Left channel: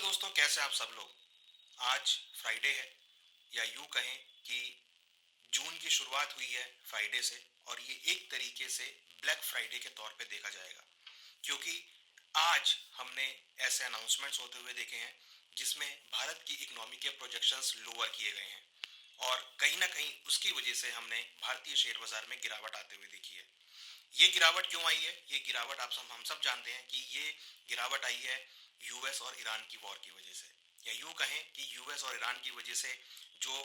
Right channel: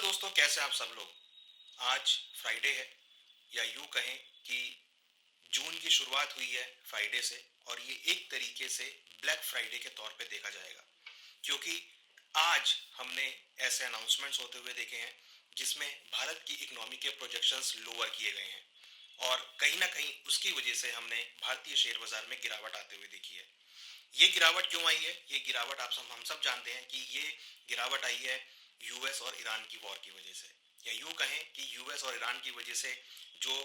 Hello दोस्तों, कैसे हैं आप सब लोग। आज फ्राइडे है, या यूं कहें कि जून की शुरुआत हुई है फ्राइडे से। और ये एक तरीके से ब्लैक फ्राइडे के तौर पे देखा जाएगा, क्योंकि आज हमने ऐसे अनाउंसमेंट्स होते हुए देखे हैं जिसमें भारत की इकोनॉमी के प्रोजेक्शंस लोअर किए गए हैं। और कहीं ना कहीं उसकी वजह से हमने भारतीय शेयर बाजार में गिरावट आते हुए देखी है। ये गिरावट क्यों आई है? ये गिरावट हम सब जानते हैं कि ये गिरावट आई है यूएस और ईरान की वॉर की वजह से, या यूं कहें कि यूएस और ईरान की वजह से जो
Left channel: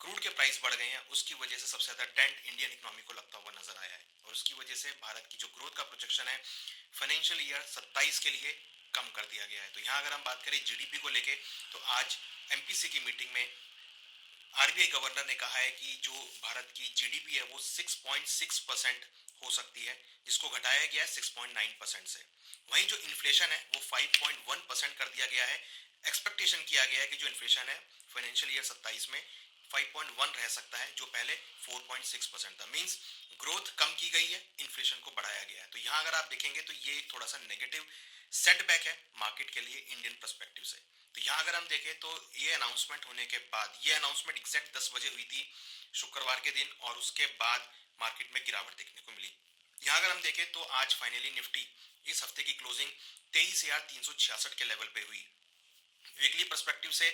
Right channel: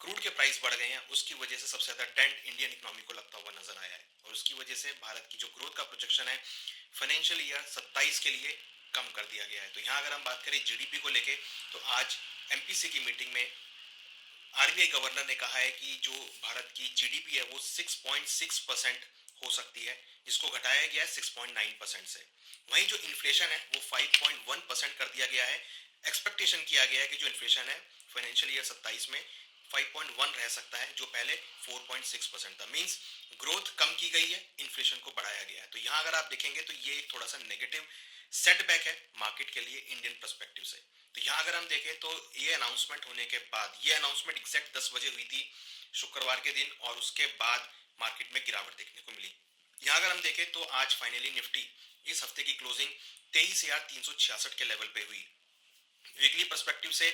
क्रूड के प्राइस बढ़ गए हैं उसकी वजह से सबसे ज्यादा डेंट इंडियन इकोनॉमी को लगता हुआ नजर आया है। और उसकी वजह से भारत की जो ग्रोथ का प्रोजेक्शन है फाइनेंशियल ईयर 27 के लिए कम कर दिया गया है। तो यहाँ अगर हम बात करें जीडीपी को लेके, तो आज एमपीसी की मीटिंग में आरबीआई गवर्नर ने कहा है कि जो भारत की जीडीपी है वो 6.6% हो सकती है, जिसको घटाया गया है 6.9% से। वहीं जो इन्फ्लेशन है वो 5.1% कर दिया गया है। एक्सपेक्टेशन किया गया है कि जो इन्फ्लेशन है फाइनेंशियल ईयर 27 में 5.1 रह सकता है, जो पहले 4.6% था। मींस ग्रोथ कम की गई है, इन्फ्लेशन को बढ़ाया गया है। तो यहाँ अगर आप देखेंगे तो ये एक थोड़ा सा नेगेटिव सेटबैक है मार्केट के लिए इंडियन पर्सपेक्टिव से। तो यहाँ अगर हम देखें तो ये अनाउंसमेंट होने के बाद, ये अनाउंसमेंट एग्जैक्ट 10 बजे हुई थी शुक्रवार के दिन, और उसके बाद मार्केट में गिरावट देखने को मिली। यहाँ अगर हम देखें तो आज फाइनली निफ्टी इस हफ्ते की क्लोजिंग 23,366 के लेवल पे हुई। वीकली पर्सपेक्टिव से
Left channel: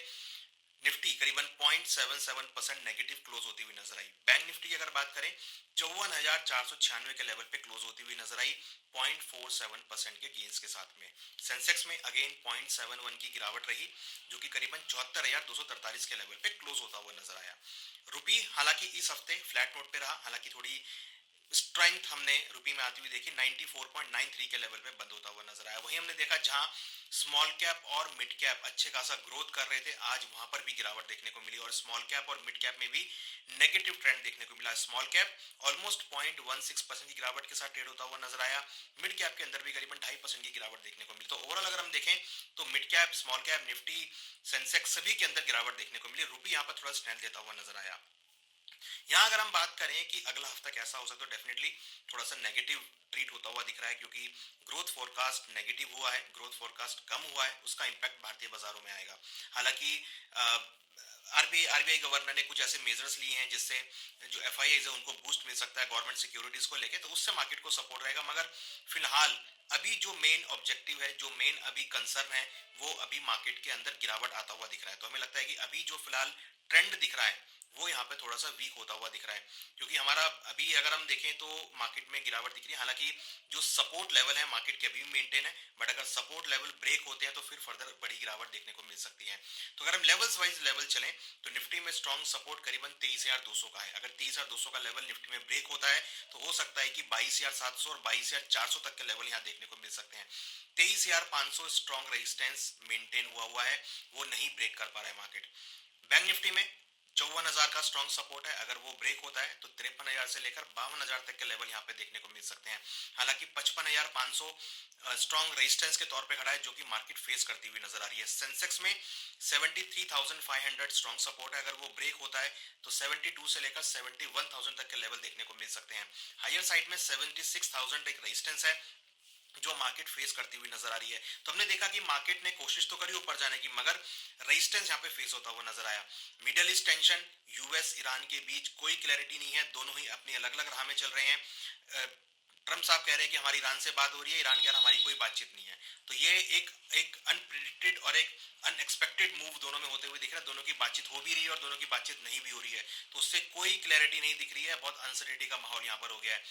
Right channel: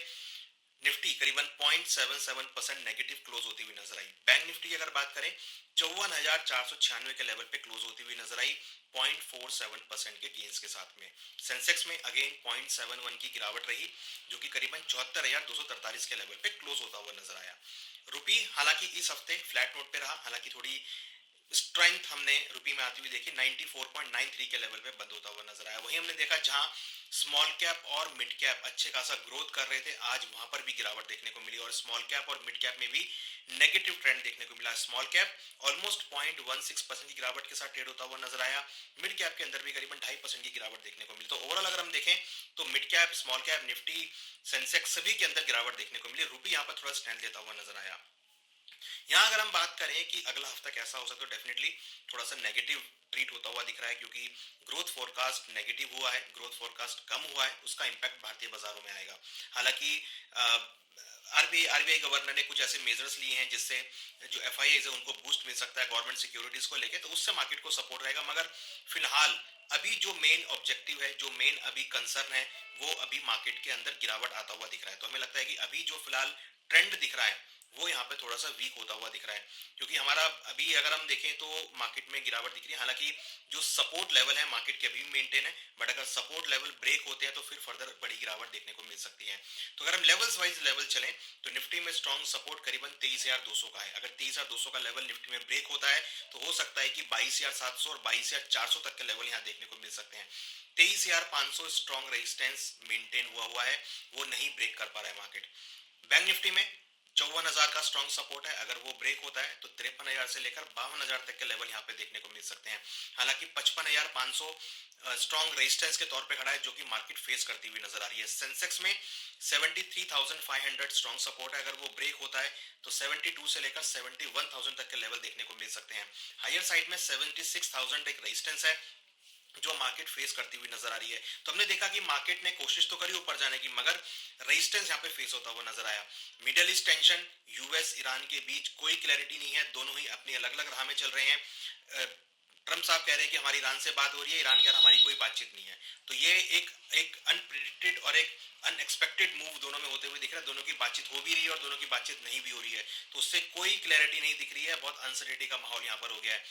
निफ्टी करीबन 0.77% नेगेटिव क्लोज होती हुई नजर आई। बैंक निफ्टी की अगर बात करें 54,496 के लेवल पे क्लोज होती हुई नजर आई 0.47% के गेंस के साथ में। सेंसेक्स में अगेन 0.71 की गिरावट रही, जो कि करीबन 74,243 के लेवल पे क्लोज होता हुआ नजर आया। रुपी हालांकि इस हफ्ते फ्लैट नोट पे रहा, हालांकि थोड़ी स्ट्रेंथ हमने रुपी में आती हुई देखी, 94.93 के लेवल पे बंद होता हुआ नजर आया। वहीं हमने देखा जहां स्मॉल कैप और मिड कैप अच्छे खासा ग्रोथ कर रहे थे, आज वहां पर भी गिरावट देखने को मिली। और स्मॉल कैप और मिड कैप में भी नेगेटिव ट्रेंड देखने को मिला। स्मॉल कैप ऑलमोस्ट 0.16% की गिरावट के साथ ट्रेड होता हुआ नजर आया। मिड कैप के अंदर भी करीबन 2.5% की गिरावट देखने को मिली। तो ओवरऑल अगर हम देखें तो mid cap, small cap, Nifty, Sensex सभी के अंदर गिरावट देखने को मिली। रुपी यहाँ पर थोड़ा स्ट्रेंथ लेता हुआ नजर आया। यहाँ अगर हम बात करें कि अगला हफ्ता कैसा हो सकता है, तो डेफिनेटली थोड़ा सा नेगेटिव ट्रीट होता हुआ दिख रहा है, क्योंकि ग्रोथ फोरकास्ट नेगेटिव हुआ है, ग्रोथ फोरकास्ट कम हुआ है, उसका इंपैक्ट भारतीय बाजारों में आएगा। हालांकि आरबीआई गवर्नर ने कुछ ऐसे मेजर्स लिए हैं जिससे जो एफआईआई है उनको बूस्ट मिल सकता है गवर्नमेंट सिक्योरिटीज को लेके, तो उससे मार्केट को सपोर्ट रहेगा। मगर फिलहाल अभी जो मेन ऑब्जेक्टिव है, जो मेन अभी कंसर्न है, वो अभी मार्केट के अंदर गिरावट आता हुआ दिख रहा है। तो हमें लगता है कि अभी जो फिलहाल ट्रेंड दिख रहा है वो यहाँ पे थोड़ा सा वीक होता हुआ दिख रहा है, क्योंकि हमारा अभी अगर हम देखें तो मार्केट में गिरावट दिख रही है। हालांकि जो सपोर्ट लेवल है मार्केट के अभी भी मेंटेन है, बट अगर सपोर्ट लेवल ब्रेक होते हैं तो फिर फर्दर बड़ी गिरावट देखने को मिल सकती है। तो अगर हम लेवल्स वाइज लेवल चलें तो निफ्टी में स्ट्रॉन्ग सपोर्ट करीबन 23,200 का है। अगर 23,200 का लेवल निफ्टी में ब्रेक होता है तो हो सकता है कि 22,700 और 22,400 तक के लेवल यहाँ देखने को मिल सकते हैं। 23,500 स्ट्रॉन्ग रेजिस्टेंस मेंटेन हुआ है, वो नहीं ब्रेक कर पा रहा है मार्केट। बैंक निफ्टी में 54,000 का स्ट्रॉन्ग सपोर्ट है, अगर वो ब्रेक होता है तो 53,000 से लेकर 52,000 तक के लेवल यहाँ पे देखने को मिल सकते हैं। हालांकि 55,500 स्ट्रॉन्ग रेजिस्टेंस के तौर पे खड़ा है, जो कि मार्केट फेस करती हुई नजर आ रही है। सेंसेक्स में 73,500 स्ट्रॉन्ग सपोर्ट है, अगर वो ब्रेक होता है तो 72 से लेकर 71,000 तक के लेवल देखने को मिल सकते हैं। हायर साइड में 76,000 एक रेजिस्टेंस है जो मार्केट फेस करती हुई नजर आ रही है। तो हमने देखा कि मार्केट ने कोशिश तो करी ऊपर जाने की, मगर रेजिस्टेंस यहाँ पे फेस होता हुआ नजर आया। Middle east tension, US Iran के बीच कोई क्लैरिटी नहीं है, दोनों ही अपनी अलग अलग राह में चल रहे हैं। ट्रम्प साहब कह रहे हैं कि हमारी ईरान से बात हो रही है, ईरान कह रहा है हमारी कोई बातचीत नहीं है। तो ये एक एक अनप्रेडिक्टेड और एक अनएक्सपेक्टेड मूव दोनों में होते हुए दिख रहा है। दोनों की बातचीत हो भी रही है और दोनों की बातचीत नहीं भी हो रही है, तो उससे कोई क्लैरिटी नहीं दिख रही है। बहुत अनसर्टेनिटी का माहौल यहाँ पर हो गया है।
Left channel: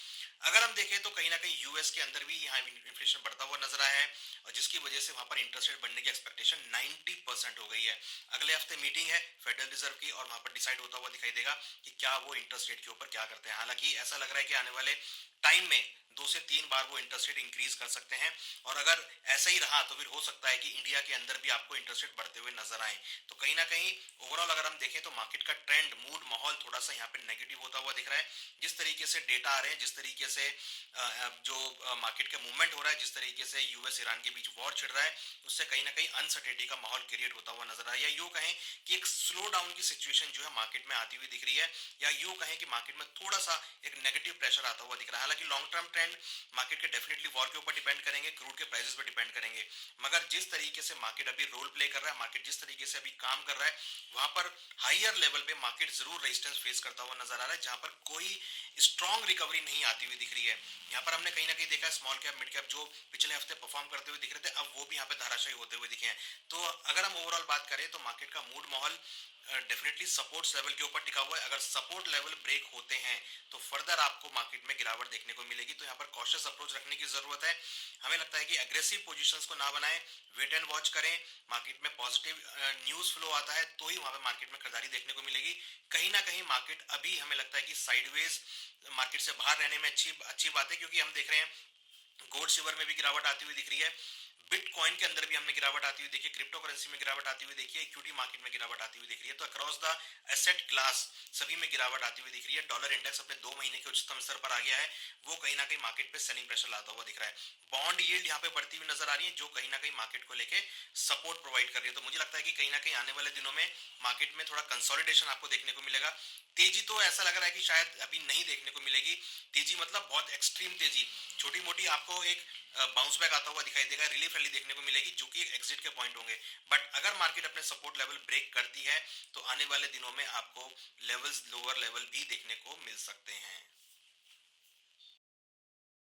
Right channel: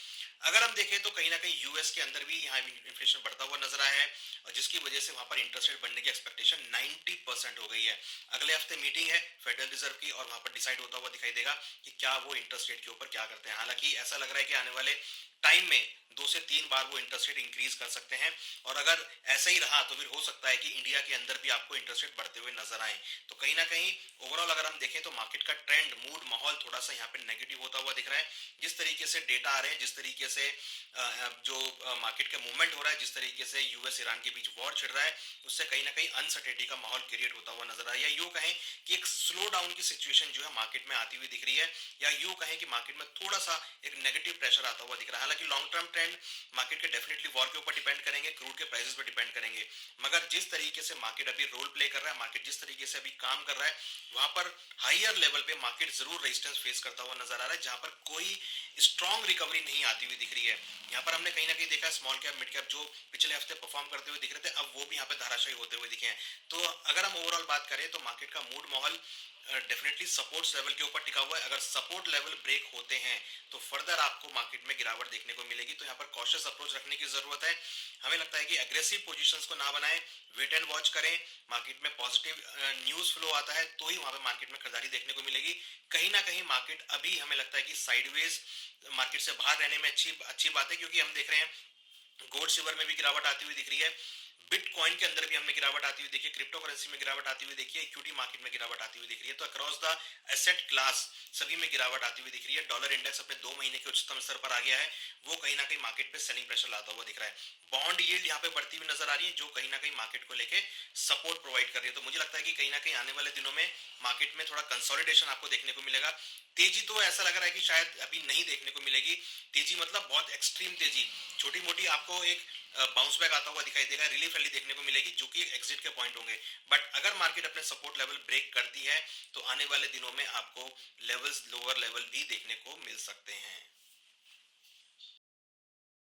अगर हम देखें तो कहीं ना कहीं यूएस के अंदर भी यहाँ इन्फ्लेशन बढ़ता हुआ नजर आया है, और जिसकी वजह से वहां पर इंटरेस्ट रेट बढ़ने की एक्सपेक्टेशन 90% हो गई है। अगले हफ्ते मीटिंग है फेडरल रिजर्व की, और वहां पर डिसाइड होता हुआ दिखाई देगा कि क्या वो इंटरेस्ट रेट के ऊपर क्या करते हैं। हालांकि ऐसा लग रहा है कि आने वाले टाइम में 2 से 3 बार वो इंटरेस्ट रेट इंक्रीज कर सकते हैं, और अगर ऐसा ही रहा तो फिर हो सकता है कि इंडिया के अंदर भी आपको इंटरेस्ट रेट बढ़ते हुए नजर आए। तो कहीं ना कहीं ओवरऑल अगर हम देखें तो मार्केट का ट्रेंड, मूड, माहौल थोड़ा सा यहाँ पे नेगेटिव होता हुआ दिख रहा है। जिस तरीके से डेटा आ रहे हैं, जिस तरीके से जो मार्केट का मूवमेंट हो रहा है, जिस तरीके से यूएस ईरान के बीच वॉर छिड़ रहा है, उससे कहीं ना कहीं अनसर्टेनिटी का माहौल क्रिएट होता हुआ नजर आ रहा है। या यूं कहें कि एक स्लो डाउन की सिचुएशन जो है मार्केट में आती हुई दिख रही है, या यूं कहें कि मार्केट में थोड़ा सा एक नेगेटिव प्रेशर आता हुआ दिख रहा है। हालांकि लॉन्ग टर्म ट्रेंड मार्केट के डेफिनेटली वॉर के ऊपर डिपेंड करेंगे, क्रूड के प्राइसेस पर डिपेंड करेंगे। मगर जिस तरीके से मार्केट अभी रोल प्ले कर रहा है, मार्केट जिस तरीके से अभी काम कर रहा है, वहां पर हायर लेवल पे मार्केट जरूर रेजिस्टेंस फेस करता हुआ नजर आ रहा है, जहां पर कोई स्ट्रॉन्ग रिकवरी नहीं आती हुई दिख रही है। यहाँ पर हमने कहीं ना कहीं देखा स्मॉल कैप मिड कैप जो पिछले हफ्ते परफॉर्म करते हुए दिख रहे थे, अब वो भी यहाँ पे धाराशायी होते हुए दिखे हैं। तो अगर हम ओवरऑल बात करें तो मार्केट का मूड माहौल डेफिनेटली सपोर्ट लेवल के ऊपर टिका हुआ है। अगर सपोर्ट लेवल ब्रेक होते हैं तो फर्दर आपको मार्केट में गिरावट देखने को मिलेगी। तो यहाँ पर कॉशियस अप्रोच रखने की जरूरत है। हमें लगता है कि एग्रेसिव पोजीशंस को ना बनाएं, वेट एंड वॉच करें। मार्केट में पॉजिटिव न्यूज फ्लो आता है तो ही वहां पे मार्केट में खरीदारी देखने को मिलेगी। कहीं ना कहीं मार्केट अभी हमें लगता है कि साइडवेज मार्केट से बाहर रहने में अच्छी बात है, क्योंकि हम देख रहे हैं गोल्ड सिल्वर में भी गिरावट आती हुई दिख रही है, बिटकॉइन के अंदर भी हमने गिरावट आती हुई देखी है, क्रिप्टो करेंसी में गिरावट आती हुई देखी है, इक्विटी मार्केट में गिरावट आती हुई दिख रही है। तो अक्रॉस द एसेट क्लास सभी में गिरावट आती हुई दिख रही है। डॉलर इंडेक्स अपने 2 महीने के उच्चतम स्तर पर आ गया है, वो कहीं ना कहीं मार्केट पे सेलिंग प्रेशर लाता हुआ दिख रहा है। बॉन्ड यील्ड यहाँ पे बढ़ती हुई नजर आ रही है, जो कहीं ना कहीं मार्केट को लेके सपोर्ट प्रोवाइड कर रही है। तो मुझे लगता है कि कहीं ना कहीं आने वाले दिनों में मार्केट में थोड़ा कंसोलिडेशन आपको देखने को मिलेगा। तेजी तो ऐसा लग रहा है कि शायद अभी नहीं देखने को मिलेगी। तेजी मतलब बहुत एक्सट्रीम तेजी, छोटी मोटी आपको एक बाउंस बैक आता हुआ दिखाई देगा, रिलीफ रैली देखने को मिलेगी, जो कि एग्जिट के पॉइंट होंगे। बट अगर मार्केट अपने सपोर्ट लेवल ब्रेक करती है तो आने वाले दिनों में आपको लेवल्स लोअर लेवल भी देखने को मिल सकते हैं।